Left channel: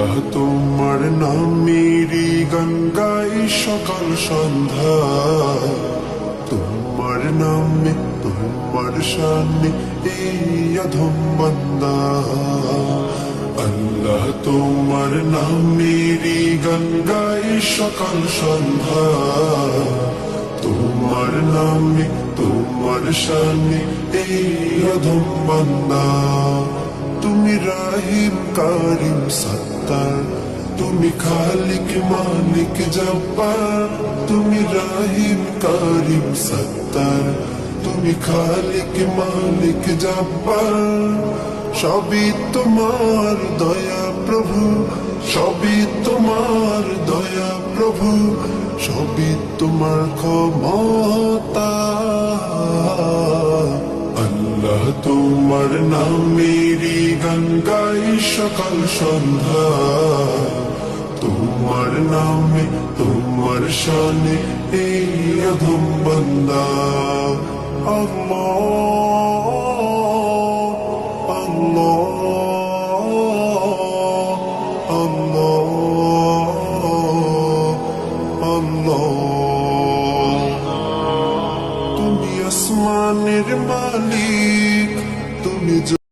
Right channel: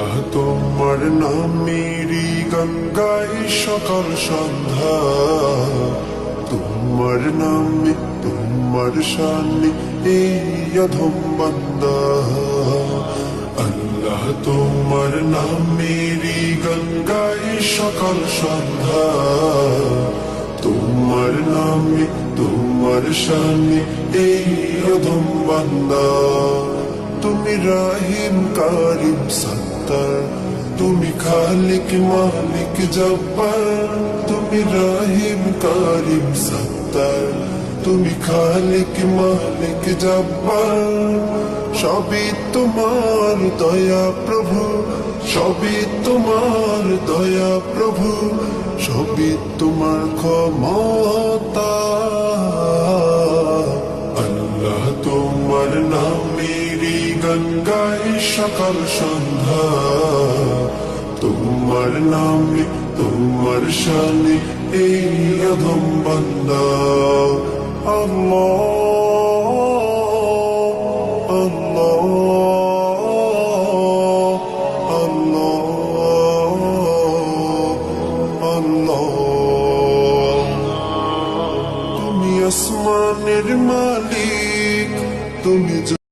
আল্লাহ তোমার নামেরই গান গাই সকাল সন্ধ্যা, তোমার নামে তোমার শানে এই অধম বান্দা। আল্লাহ তোমার নামেরই গান গাই সকাল সন্ধ্যা, তোমার নামে তোমার শানে এই অধম বান্দা। তুমি রাহিম কারিম সত্তার, তুমি খালিক মালিক জব্বার। তুমি রাহিম কারিম সত্তার, তুমি খালিক মালিক জব্বার। সবই তোমার দয়া প্রভু, সবই তোমার দয়া প্রভু, সবই তোমার ক্ষমতা। আল্লাহ তোমার নামেরই গান গাই সকাল সন্ধ্যা, তোমার নামে তোমার শানে এই অধম বান্দা। আল্লাহ আল্লাহ আল্লাহ আল্লাহ। তুমি আসমানের মালিক, তুমি